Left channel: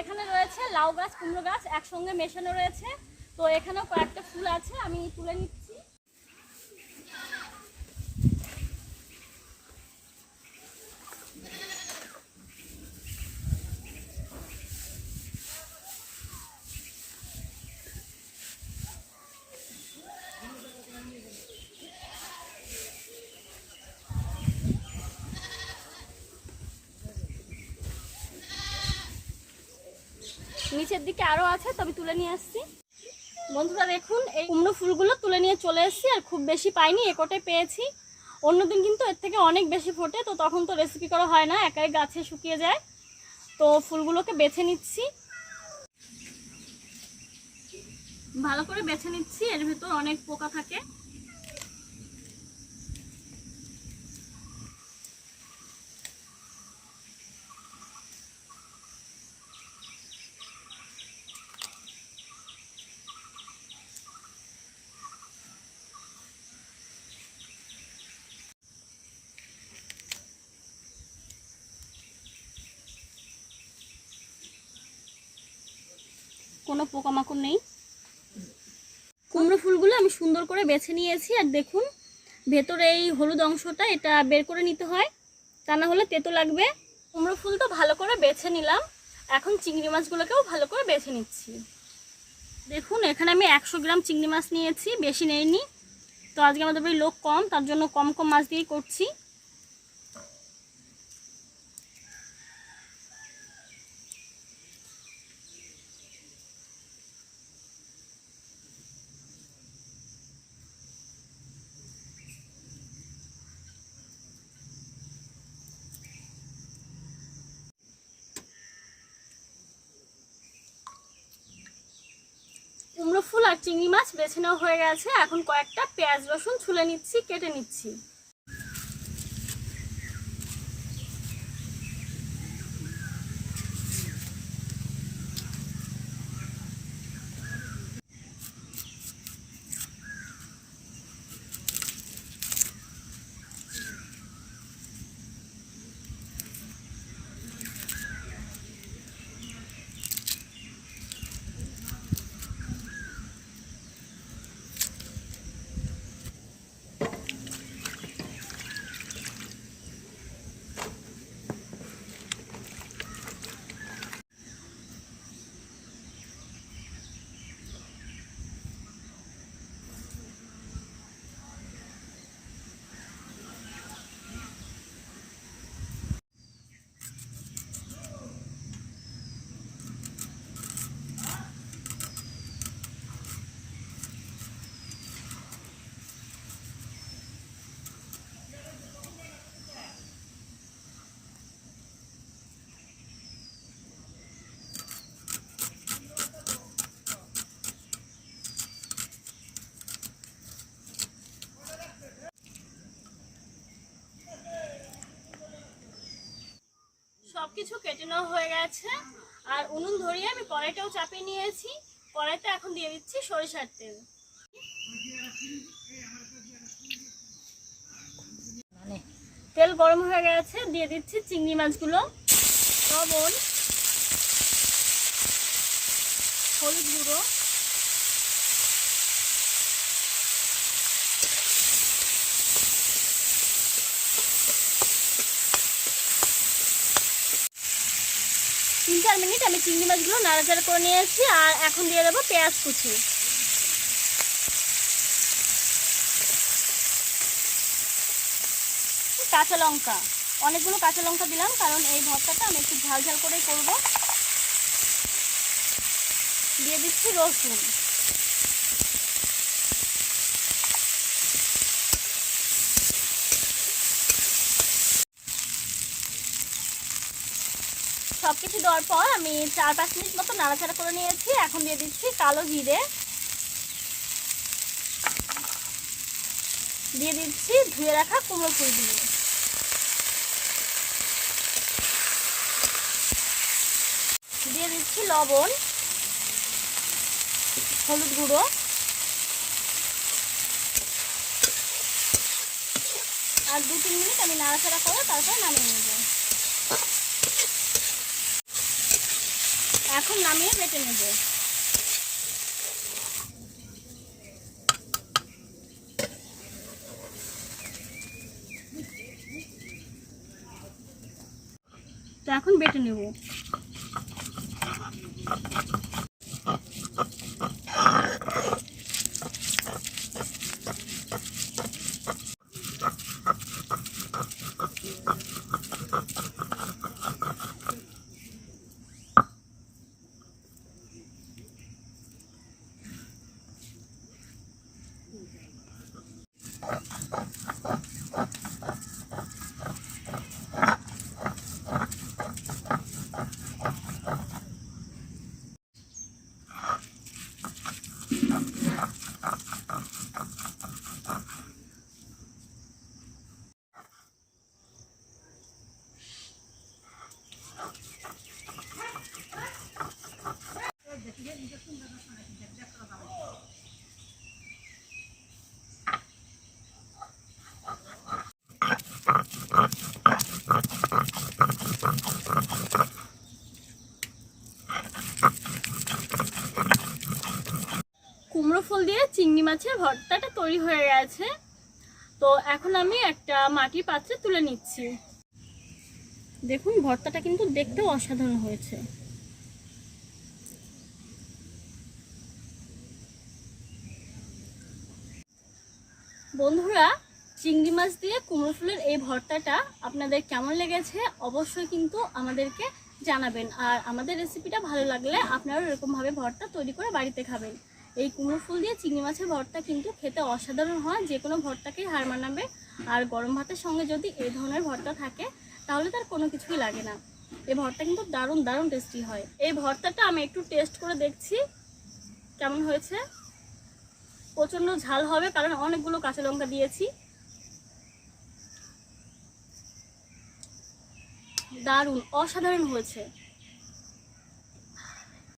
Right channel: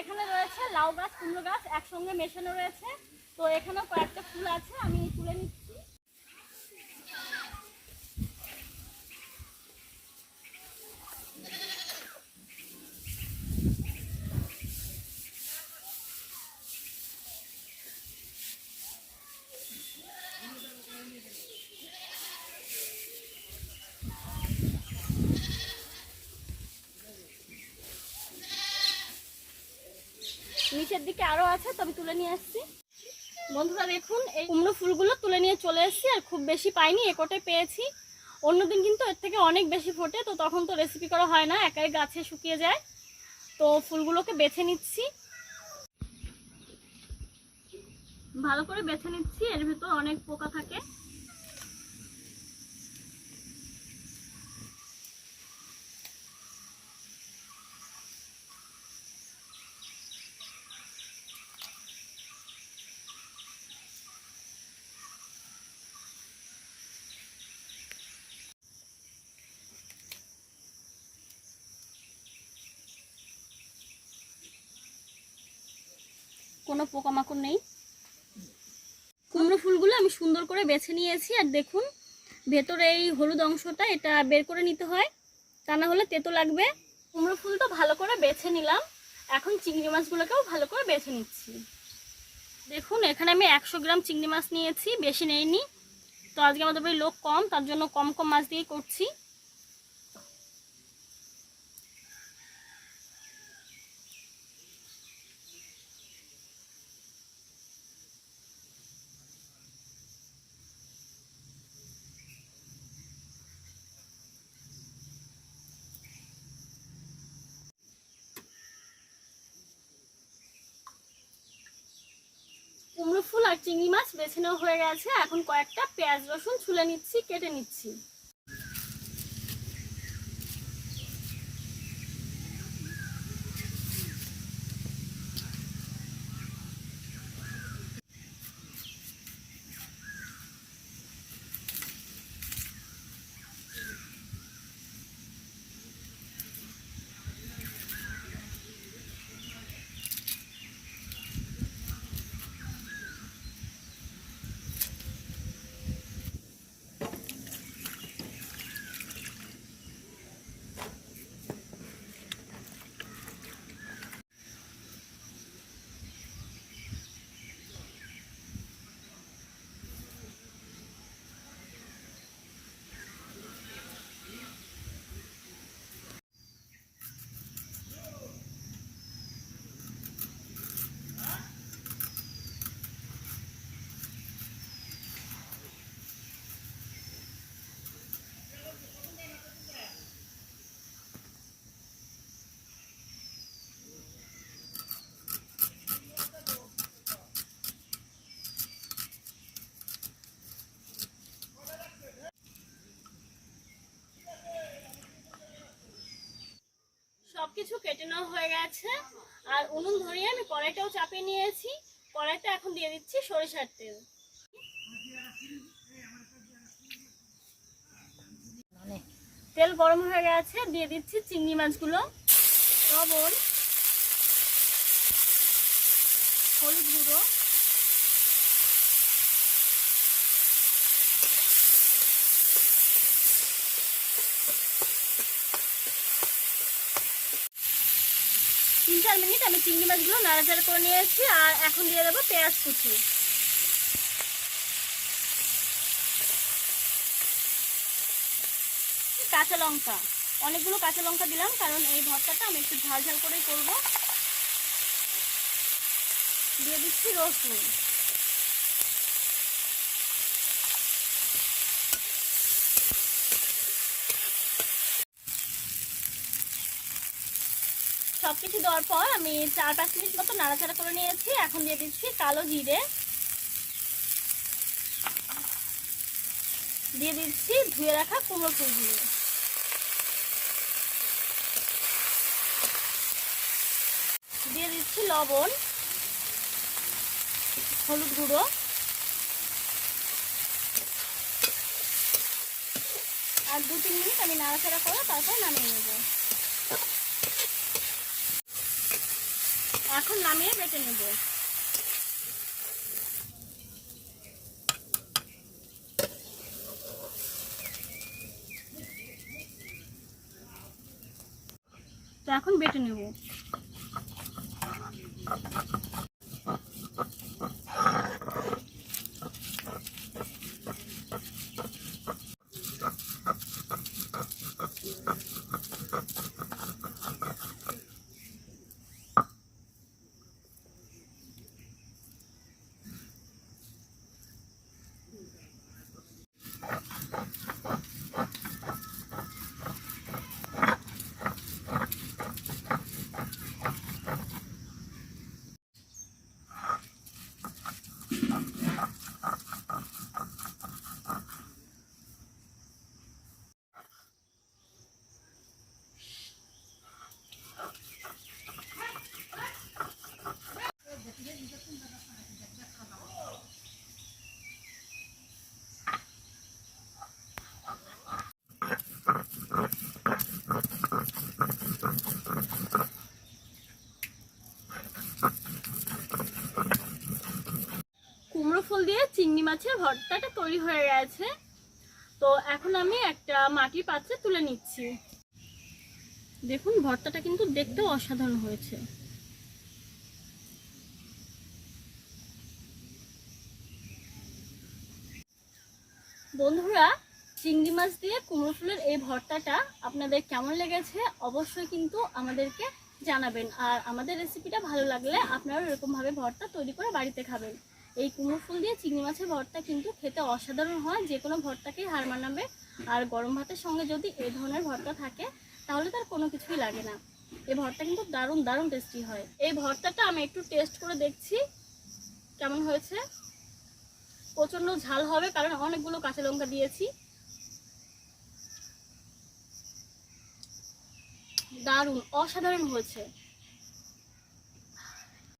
এখানে রয়েছে লাউ গাছ, কুমড়ো গাছ একসঙ্গে মেশানো রয়েছে। তো এখানেও কয়েকটা ফুল আছে, আমি তুলে নিচ্ছি। নিচের দিকে আরো আছে, তবে তুলে নিয়ে আসছি। বন্ধুরা দেখুন, এই কুমড়ো ফুলগুলো তুলে নিয়ে চলে এসেছি, আর খুব বেশি পাইনি, একটাই পেয়েছি। অন্যদিন কিন্তু এর থেকে অনেক বেশি ফোটে, তো তখন তো রেসিপি করা হয় না, একাই গাছে শুকিয়ে যায়। তো ফুলগুলোকে বেছে নিচ্ছি, ভালো করে বেছে নিচ্ছি, এর ভিতর অনেক পোকা থাকে। কোনো পোকামাকড় নেই। কুমড়ো ফুলগুলো আমি সুন্দর করে বেছে নিয়েছি, আর দেখুন ভেতরে এই হলুদ অংশটা এটা বের করে নিতে হয়, তা না হলে তেতো লাগবে। কুমড়ো ফুল তো ভালো করে বেছে নিলাম, এখন চিংড়ি মাছগুলোকেও ভালো করে বেছে নিচ্ছি। দেখুন এখানে আমি 100 গ্রাম চিংড়ি মাছ নিয়েছি, বেশি নেইনি। তো আজকে আমাদের বাড়ি লোক কম, তার জন্য কম কম মাছ দিয়েই করছি। কুমড়ো ফুল আর চিংড়ি মাছ বেছে নেওয়া হয়ে গেছে, এখন কয়েকটা পেঁয়াজ রসুন ছুলে নিচ্ছি, কেটে নিচ্ছি। সবকিছু কেটে নেওয়া হয়ে গেছে, আর উনুন ধরিয়ে আমি কড়াইটাও চাপিয়ে নিয়েছি। কড়াইতে এখন দিয়ে দিচ্ছি সরিষার তেল। তেল গরম হয়ে গেছে, দিয়ে দিচ্ছি চিংড়ি মাছগুলো, লবণ, হলুদ গুঁড়ো, তিন চার মিনিট আমি চিংড়ি মাছগুলো নাড়াচাড়া করে নিয়েছি। আর এখন দিয়ে দেবো পেঁয়াজ কুচি, কাঁচা লঙ্কা, অনেকগুলো কাঁচা লঙ্কা দিলাম, কারণ এই ভর্তাটা আমি একটু ঝাল ঝাল করেই করবো। দিয়ে দিচ্ছি রসুন, সবকিছু দেওয়ার পর আমি 4-5 মিনিট মতো নাড়াচাড়া করে নিয়েছি। এখন দিয়ে দিচ্ছি কালো জিরে, দিয়ে দিচ্ছি ধুয়ে রাখা কুমড়ো ফুলগুলো, দিয়ে দিচ্ছি লবণ, হলুদ গুঁড়ো, আর 2-3 মিনিট আমি নাড়াচাড়া করে তারপর নামিয়ে নেব। এখন নামিয়ে বেটে নেব। তো এখন বেটে নেব। কুমড়ো ফুল দিয়ে চিংড়ি মাছের ভর্তাটা তৈরি হয়ে গেছে। তো এখন আমি একটা মাটির পাত্রে তুলে নিচ্ছি। দেখুন ভর্তাটা কিন্তু দেখতেও অসাধারণ হয়েছে। বন্ধুরা, চিংড়ি মাছ দিয়ে কুমড়ো ফুলের এই ভর্তাটা আপনাদের কেমন লেগেছে অবশ্যই কিন্তু আমাদেরকে জানাবেন। আর আমাদের রেসিপিটা ভালো লাগলে আপনারাও এরকমভাবে ভর্তা তৈরি করে বাড়িতে খাবেন। এই কুমড়ো ফুল দিয়ে চিংড়ি মাছের ভর্তা কিন্তু খেতে অসাধারণ হয়, যে কোনো ভর্তাকেই হার মানাবে। আর গরম ভাতের সঙ্গে যদি এই ধরনের ভর্তা থাকে তাহলে তার কোনো কিছুই লাগে না। এই ভর্তা কিন্তু দারুণ দারুণ টেস্টি হয়। এই ভর্তাটা আমি একটু টেস্ট করে দেখছি কেমন হয়েছে। প্রচণ্ড ঝাল হবে কারণ অনেকগুলো কাঁচা লঙ্কা দিয়েছি। দারুণ অসাধারণ হয়েছে।